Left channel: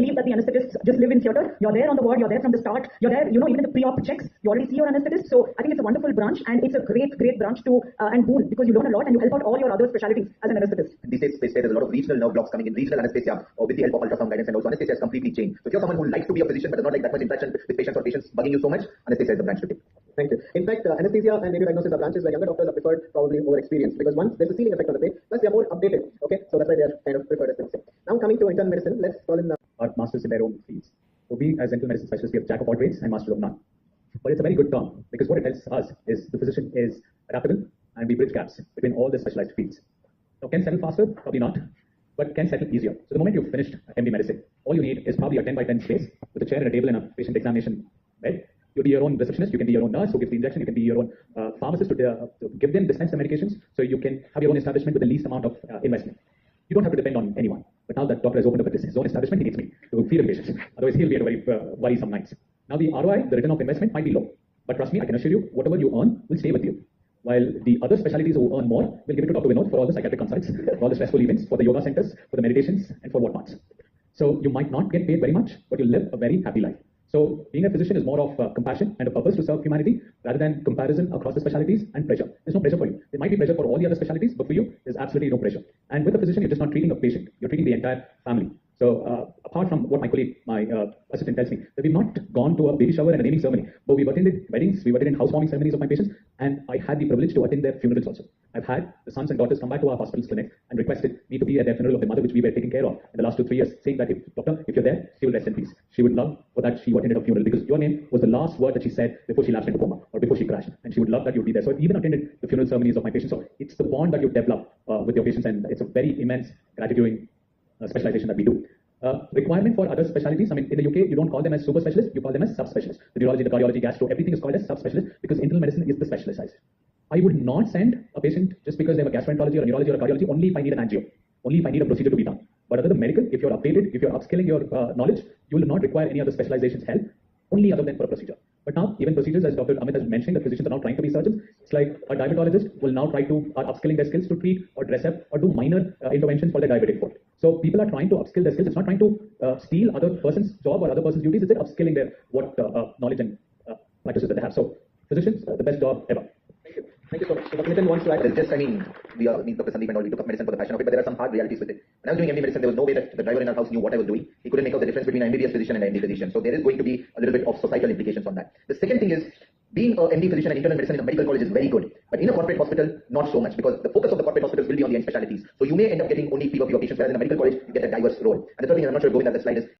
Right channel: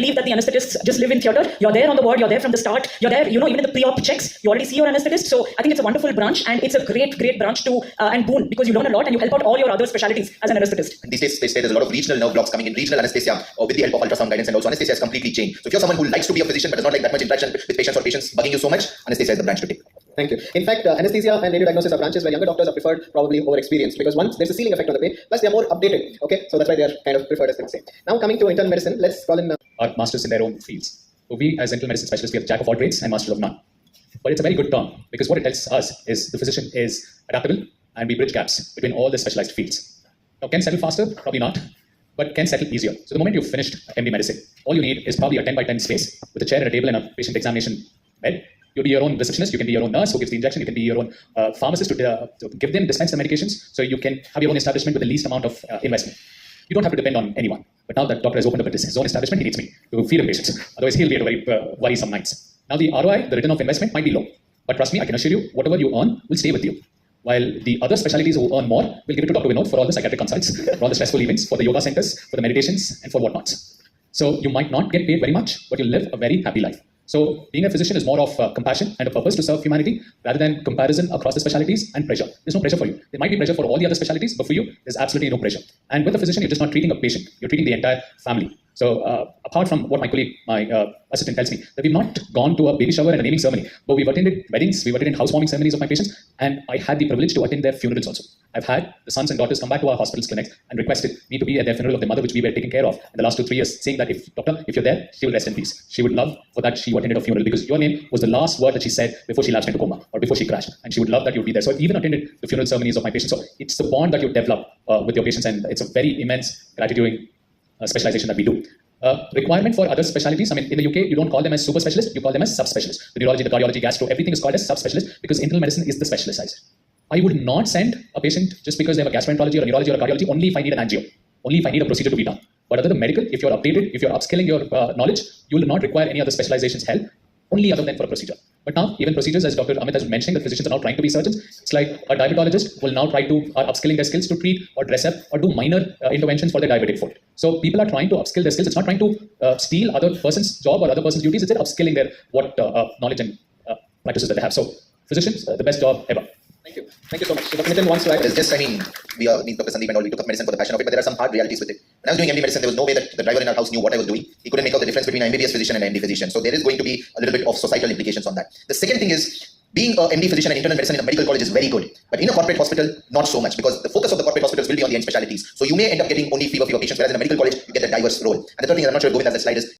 believe that the anesthetists just live in theatre. You're there on the ward, you're there from the start, you're there, even in the pre-op checks, you already see your anesthetist. So I think it's a wonderful branch, and it's a great branch to and boon, because you learn a lot and you help out all your other specialties as an anesthetist. And these days, there's a lot of regional nerve blocks coming in, regional anesthesia, with the help of ultrasound guidance, and also anesthesia has completely changed. So if you're someone who likes to be a physician but does not like that much interaction with patients, or patients bugging you so much, anesthesia is the branch to take. Thank you. In fact, anesthesia and radiodiagnosis are branches where younger doctors are preferred, probably over experienced, because once there's a ceiling effect on the pain, plus they're more updated. Okay, so that's why they're kind of preferred, as they say. Now coming to internal medicine, let's call in are masters in their own fields. So we as internal medicine specialists, we have jack of all trades and masters of none. But it's a very good term, because what it tells us is the physician is adaptable, and we bridge gaps between all the specialized fields. Now, can settle faster? Probably not, but can settle easier. So the moment you've finished MD medicine, all you need is probably a 10 by 10 space with a chair and a table and a patient examination bed. You'll be your own receptionist, you can be your own nurse who gives the injection, you can be your own pharmacist to give them, dispense the medications, so you can have your own establishment with the least amount of investment. You don't have to depend on anyone. But now that doctor has opened up his own establishment, he needs me to feed him patients. Otherwise, he'll be at a very worrisome nights. Now, the ROI, the return of investment, might be low. But trust me, I can assure you, whatever you earn will stay with you. While the other specialties who earn more will give it to Dr. Vinod for all the psychiatric consults, for all the stressful events, for the yoga centers, for the meditations, and for whatnots. So you might not get paid very much, but you'll live a very happy life. So being a physician is more of compassion and a purpose to serve humanity, rather than comparison across the specialties and pressure. There's no pressure for you. There might be pressure for all the other specialties, but for you, there's absolutely no pressure. And with a physician, you're just not treating a patient, you're treating the entire family. So apart from what my colleague, my assistant tells me, that we've not gone to a baby shower and a naming ceremony, but we've attended weddings, we've attended housewarming ceremonies of my patients, and I had the privilege to attend their funerals also. I've had the sons and daughters come back to our hospitals, clinics, and requested me to be at their funeral of their mother, which we were taking care of in the last 2-3 years, saying that doctor, if you're there, she will rest in peace. She would love for that she attended a funeral, because your name was the last word that she said before she lapsed into coma or before she crashed, and she would love that you'd be there. So I've even attended the funeral ceremonies of my patients. So it's the bond that you develop with your patients, and it's a very immense gratitude specialization that we do. Requirement for other specialties, I mean, in the UK, you don't call them as super specialists, you call them as subspecialists. The urology, the cardiology, gastro, everything is called as subspecialists, because internal medicine is the specialized. I would not send a patient just because they have a gastroenterology or a neurology or a cardiology, only if I need an angio, only if I need a procedure to be done. But other than medical, if you're updated, if you're upskilling your knowledge, you will not require any other specialization's help, only other than for a procedure. But now, even procedures, as Dr. Amit has mentioned, the physicians are now trying to be surgeons. It's like a diabetologist will now try to upskilling their skills to treat or dress up or do minor interventions for their diabetic foot. So people are trying to upskill their skills. It's not trying to steal other person's job or other person's duties. It's upskilling their knowledge and practices that they have. So physicians, the best job ever. Thank you. Thank you so much. So Nitin wants to add. It's just, I mean, Dr. Sandeep and all, we took up medicine for the passion of it, but there are some hard realities with it. When I was doing MD medicine, there was no way that the driver in our house knew what I was doing. He couldn't make out the difference between an MBBS physician and an MD physician. So there is going to be a little bit of societal implications on that. The second thing is, being an MD physician and internal medicine in a medical college is very good, but in a corporate hospital, not so much, because the focus of the corporate hospitals will be on the end specialties. So you may end up getting only fever patients, whereas in a medical college, you get a diverse role. And the third thing, I'm not sure if Govind has the slide, is